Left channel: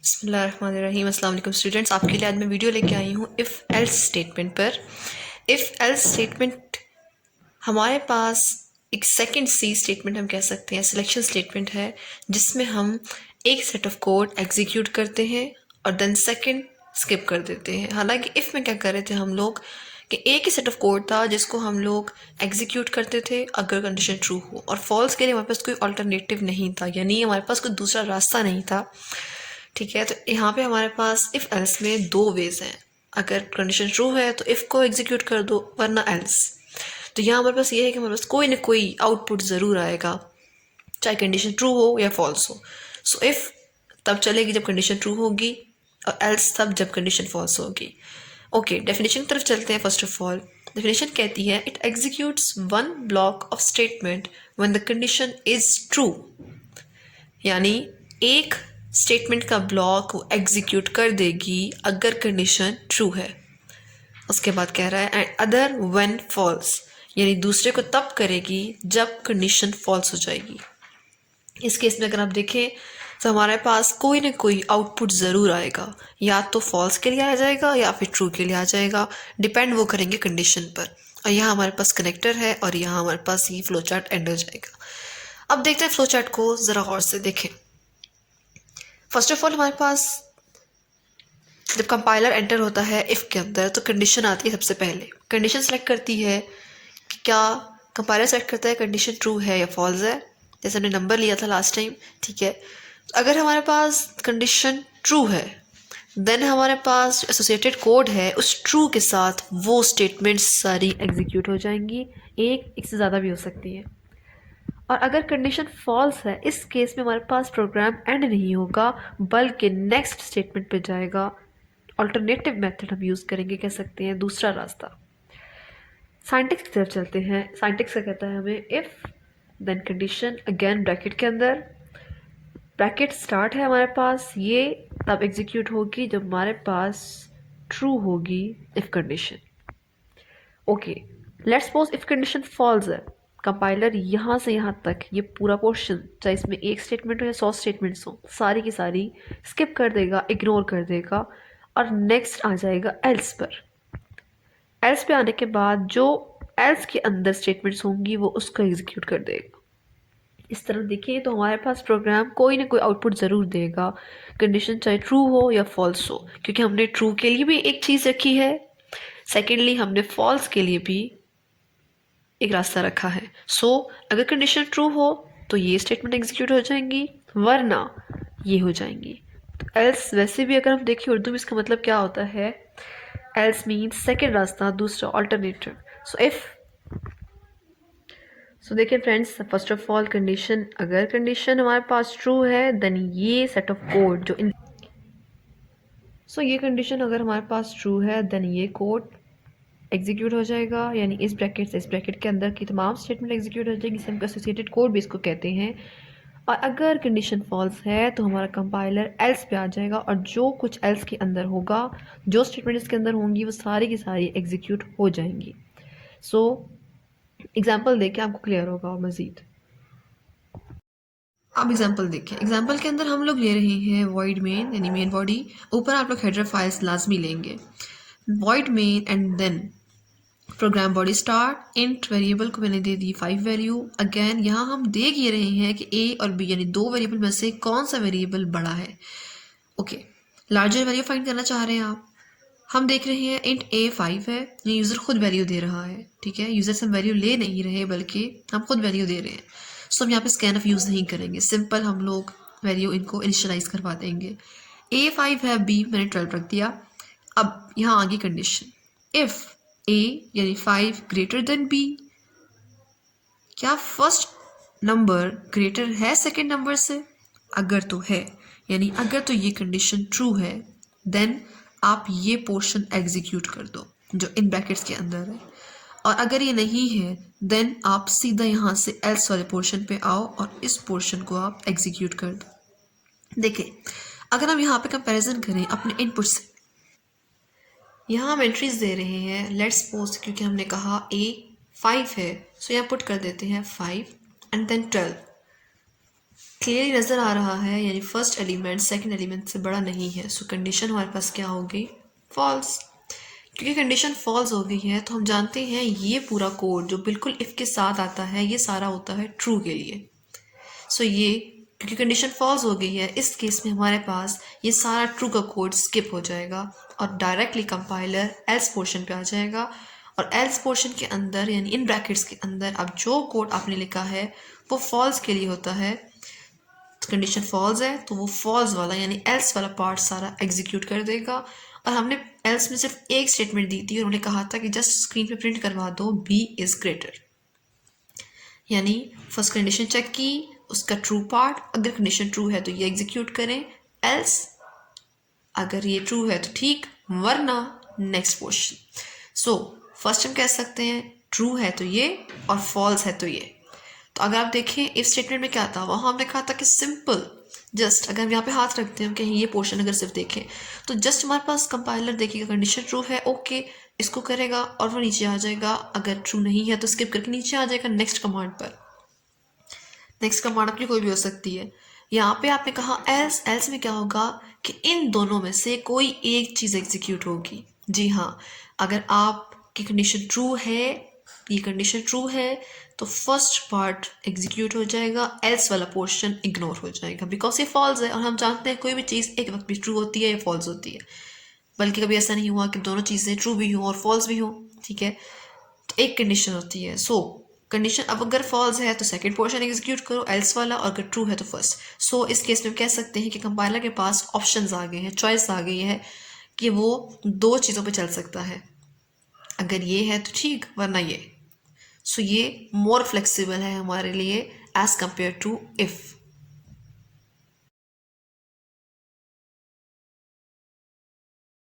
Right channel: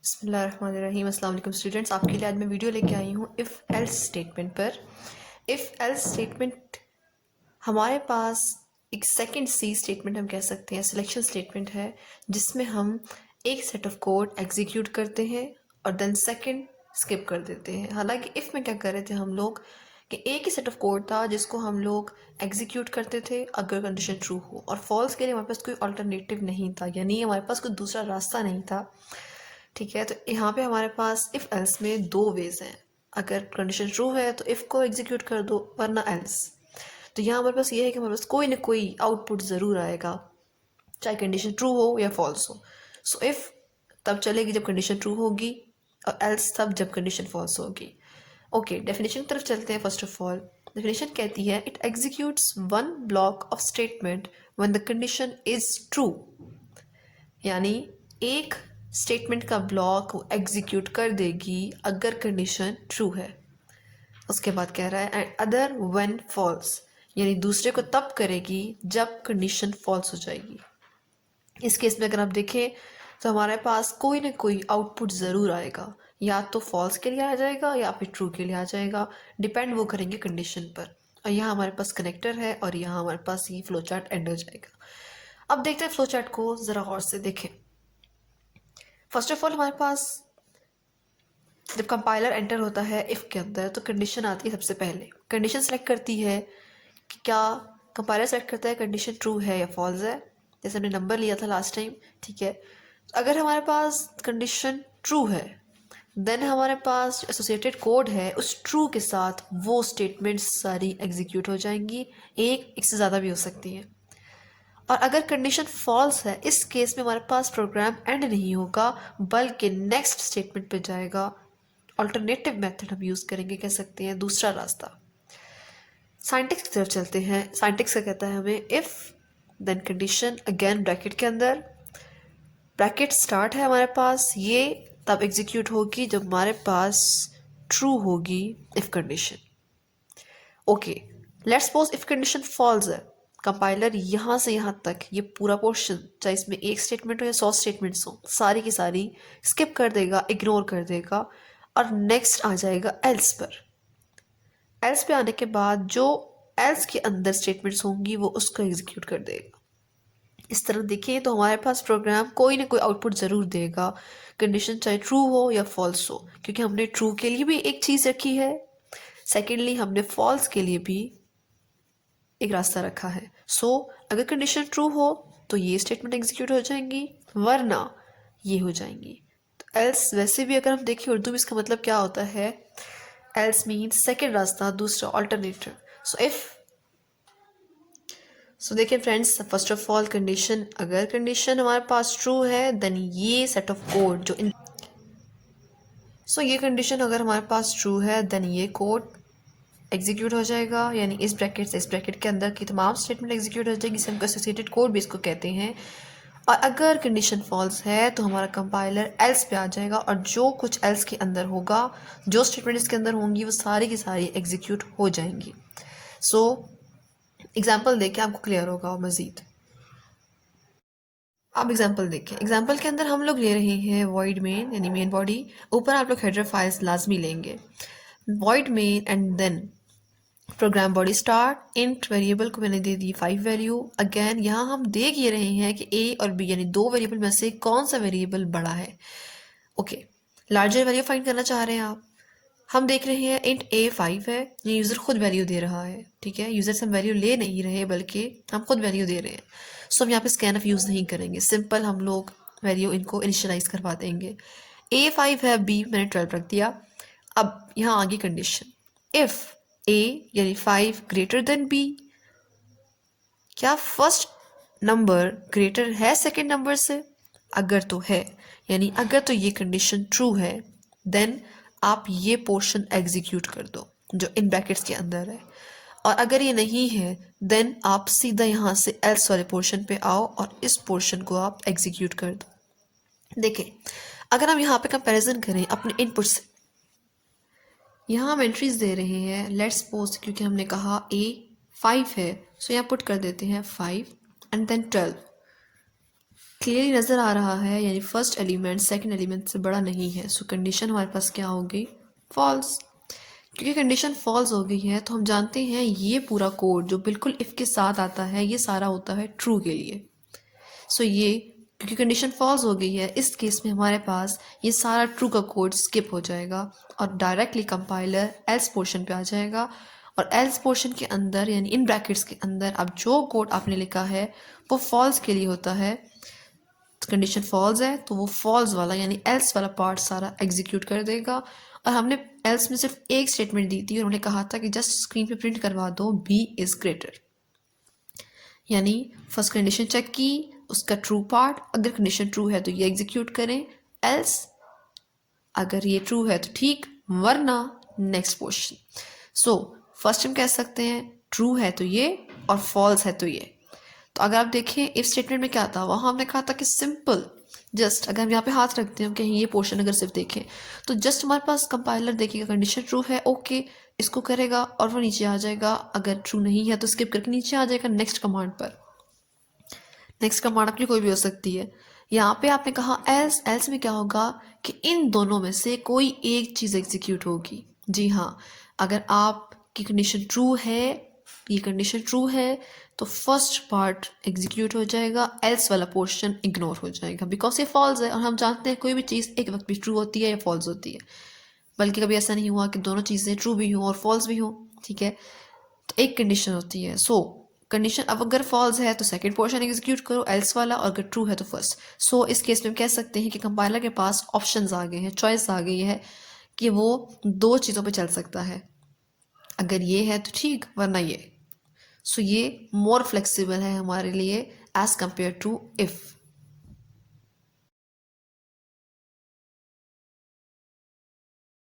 बिस्मिल्लाहिर्रहमानिर्रहीम। अस्सलाम वालेकुम स्टूडेंट्स, आपके लिए आज मैं वीडियो लेके आई हूँ इफ़ एल्स स्टेटमेंट पर। इफ़ एल्स स्टेटमेंट हमारे पास एक सेकंड सी स्टेटमेंट हम कह सकते हैं, सिलेक्शन स्टेटमेंट है, जिसमें हम एक सेट ऑफ कोड एग्जीक्यूट करते हैं और देन सेकंड स्किप कर देते हैं। हालांकि इफ़ में क्या कर रहे थे हम लोग कि एक ही सेट ऑफ कोड था जिसको हम लोग एग्जीक्यूट करते थे अगर कंडीशन ट्रू हो, और फॉल्स के लिए हमारे पास कोई अल्टरनेटिव नहीं था, यानी हमारे पास कोई दूसरा रास्ता नहीं था। ठीक है, तो यहाँ पे हमारे पास इफ़ एल्स में दो वेज हैं। अगर कंडीशन ट्रू है तो इफ़ को एग्जीक्यूट कर दो, वरना एल्स। तो यहाँ हमारे पास ये है कि हमारे पास कोई ना कोई आउटपुट ज़रूर आएगा, चाहे कंडीशन ट्रू हो या फॉल्स हो। सो इफ़ तब चलेगी जब कंडीशन ट्रू होगी, और एल्स तब जब कंडीशन फॉल्स होगी। ओके, डेफिनेशन की तरफ चलते हैं। फर्स्ट ऑफ ऑल डेफिनेशन कहती है it executes one block of statement when the condition is true, यानी एक स्टेटमेंट का ब्लॉक वो एग्जीक्यूट कर देगी अगर कंडीशन ट्रू है। उसके बाद कह रहा है एंड अदर व्हेन फॉल्स, यानी दूसरे को तब करेगी जब कंडीशन फॉल्स हो जाएगी। इस केस में अगर आप देखें तो हमारे पास कोई ना कोई आउटपुट ज़रूर आएगा, या तो फॉल्स के लिए आ जाएगा या फिर ट्रू के लिए आ जाएगा, डिपेंड वो करेंगे कंडीशन पर। और यहाँ हमारे पास कनेक्टर है और यहाँ हमारे पास ये फ्लो चार्ट एंड हो जाएगा। अब देखते हैं फ्लो चार्ट को ज़रा गौर से देखें। फर्स्ट ऑफ ऑल हमारे पास जब कंपाइलर एंटर होता है इफ़ के अंदर तो कंडीशन आती है। सबसे पहले कंडीशन सेलेक्ट करती है कि क्या कंपाइलर सेलेक्ट करता है कंडीशन ट्रू है या फॉल्स है, जैसे हमने नंबर लिया था लास्ट टाइम। ठीक है, तो अगर हमारे पास कंडीशन ट्रू है देन हमारे पास एसोसिएटेड कोड है, उस ट्रू के साथ वो स्टेटमेंट्स सारी एग्जीक्यूट हो जाएंगी, एक से ज़्यादा भी हो सकती है। और अगर कंडीशन फॉल्स है, इस केस में हमारे पास प्रोग्राम एंड नहीं होगा बल्कि नेक्स्ट स्टेटमेंट पे जाएगा। अल्टरनेटिव मेथड हम यूज़ करेंगे, कह सकते हैं दूसरा रास्ता। साइंटिक्स की तरफ चलते हैं। साइंटिक्स का कहता है हमें if then condition again bracket के अंदर, ब्रैकेट स्टार्ट है हमारे पास, ये तब एग्जीक्यूट होगी जब हमारे पास ट्रू होगी if condition. Okay, let's suppose if condition false है, कंपाइलर यहाँ से यहाँ तक ये पूरा पोर्शन, चाहे इसमें एक स्टेटमेंट हो या 100 स्टेटमेंट्स हो, सारी की सारी स्किप कर देगा, इग्नोर कर देगा और नेक्स्ट आ जाएगा एल्स पर। एल्स पे आने के बाद जो एल्स के अंदर स्टेटमेंट्स होंगी वो उसको एग्जीक्यूट कर देगा। इस तरह देखिए तो हमारे पास प्रोग्राम कोई ना कोई आउटपुट ज़रूर देगा, कंडीशन चाहे ट्रू हो या फॉल्स हो, क्योंकि हमने ट्रू के लिए भी एक चीज़ रखी है, सेकेंडली हमने फॉल्स के लिए भी एक रास्ता रखा है। सो अगर कंडीशन ट्रू हो तो ये स्टेटमेंट एग्जीक्यूट हो जाएंगी, वरना ये हो जाएंगी। तो एल्स वैसे भी अगर हम देखें उर्दू में इसका मतलब क्या होता है, एल्स मीन्स सेकेंड रास्ता, दूसरा अल्टरनेटिव। सो देखिए friends, first of all condition, अगर कंडीशन हमारे पास ट्रू है देन ये सेट ऑफ कोड जो इन ये कंडीशन अगर हमारे पास ट्रू है देन ये कोड एग्जीक्यूट हो जाएगा, यानी इस ब्रैकेट से इस ब्रैकेट के अंदर की तमाम स्टेटमेंट एग्जीक्यूट हो जाएगी, इसे हम एसोसिएटेड कोड भी इसको कहते हैं। और अगर कंडीशन फॉल्स है तो हमारा कंपाइलर एल्स पे आ जाएगा और जो कुछ एल्स के अंदर होगा, जो स्टेटमेंट इसके अंदर होंगी वो सारी की सारी एग्जीक्यूट हो जाएंगी। सो एग्जाम्पल देखें आपको क्लियर होगा मज़ीद। अब एग्जाम्पल देखें, एग्जाम्पल के अंदर हम लोग ले रहे हैं वॉइड मेन यानी मेन बॉडी, ऊपर आप लोग हेडर फाइल्स लाजमी लेंगे, void main and then program body start. Int variable को मैंने दे दी 5 वैल्यू। अगेन यहाँ हम देख ये रहे हैं कि ए और बी यानी दो वेरिएबल में से कौन सा वेरिएबल बड़ा है। ओके, लार्जर वैल्यू फाइंड करना चाह रहे हैं आप। हम देख रहे हैं इंट ए 5 है, ये यूज़र खुद वैल्यू दे रहा है। ठीक है, यूज़र से हम वैल्यू ले नहीं रहे बल्कि हम खुद वैल्यू दे रहे हैं। सो हम यहाँ पे स्कैन ऑफ यूज़ नहीं करेंगे, सिंपल हम लोग वैल्यू इनको इनिशियलाइज करवा देंगे। ए 5 है, बी मैंने 12 रख दिया। अब यहाँ आगे कंडीशन, इफ़ ए यानी 5 ग्रेटर देन बी, क्या फर्स्ट नंबर ग्रेटर है सेकेंड नंबर से? अगर तो है, यानी अगर तो ये कंडीशन ट्रू है देन आप ये पोर्शन एग्जीक्यूट कर दो जो इन ब्रैकेट्स के अंदर है, और अगर ये नहीं है देन आप सीधा यहाँ से एल्स वाले पोर्शन पे आओ और इस पोर्शन को आप एग्जीक्यूट कर दो। देखें, अगर हम यहाँ पे कंपैरिजन करें अपने इनपुट से, यहाँ हम एंट्रीज दे रहे हैं, लेट्स सपोज क्योंकि हमने कहा ए 5 है सो यहाँ पुट कर देते हैं 5 एंड देन 12। क्लियरली नज़र आ रहा है, यानी फर्स्ट एलिमेंट सेकंड एलिमेंट से बड़ा नहीं है। सो कंडीशन हमारे पास क्या होगी? फॉल्स। क्योंकि कंडीशन फॉल्स हो गई है तो हम जानते हैं ये पूरा कोड जो बिल्कुल इफ़ के साथ आता है ये सारा होता है ट्रू के लिए। सो ये क्योंकि कंडीशन फॉल्स हो गई है, इस केस में हमारे पास ये सारा ट्रू का कोड स्किप हो जाएगा और डायरेक्टली कंपाइलर एल्स पोर्शन पे आ जाएगा। और एल्स पोर्शन के अंदर यानी इन ब्रैकेट्स के अंदर अब जो कोड आपने लिखा है वो फॉल्स के लिए होता है। कंडीशन फॉल्स है तो वो फॉल्स वाला यानी एल्स वाला पार्ट सारा एग्जीक्यूट कर देगा। और हमने एल्स में सिर्फ एक स्टेटमेंट दी थी और उन्होंने कहा था कि जस्ट स्क्रीन पे प्रिंट करवा दो बी इज ग्रेटर, यानी फर्स्ट कंडीशन चेक की, उसका ट्रू पार्ट, अगर कंडीशन ट्रू है तो ये एग्जीक्यूट करें, एल्स अगर ये ट्रू है तो ठीक, वरना नेक्स्ट पोर्शन। सो फर्स्ट हम कह सकते हैं ट्रू है तो ये और फॉल्स है तो ये। तो अगर आप देखें इफ स्टेटमेंट में क्या था, वहाँ हमने कहा था कि सिंपल जस्ट अगर हम यहाँ पे हाथ रखते हैं कहीं ये पोर्शन अगर सिर्फ देखें तो जस्ट हमारे पास कंपाइलर देखेगा कंडीशन ट्रू है ओके इसको करेगा और वो नीचे आ जाएगा, अगर ट्रू नहीं है तो स्किप करके नीचे आ जाएगा नेक्स्ट कमांड पर। नेक्स्ट कमांड अपनी कोई भी हो सकती है। यहाँ पे आपने कहा एल्स, एल्स में क्या होगा कि इन दोनों में से कोई एक चीज़ एग्जीक्यूट होगी। जी हाँ, अगर आपकी कंडीशन ट्रू है, ये कंडीशन ट्रू है तो फर्स्ट पार्ट एग्जीक्यूट हो जाएगा, एल्स वाला पोर्शन इग्नोर हो जाएगा बिकॉज ये फॉल्स है और हम जानते हैं कोई भी चीज़ एक वक्त भी ट्रू होती है या फॉल्स होती है, बल्कि कभी ऐसा नहीं हुआ कि दोनों चीज़ें ट्रू भी हों और फॉल्स भी हों। ठीक है, तो एक कंडीशन होती है। सो कंडीशन अब अगर फॉल्स है तो सेकंड पोर्शन एग्जीक्यूट करो एल्स वाला, और अगर ट्रू है तो फर्स्ट। सो इस केस में हम कह सकते हैं कि कंपाइलर के पास ऑप्शंस आ गए हैं, चॉइस आ गई है कि वो दो चीज़ों पे चल सकता है, अगर ये है तो ठीक वरना ये। सो ये मोर फ्लेक्सिबल है हमारे लिए एज कम्पेयर टू इफ़।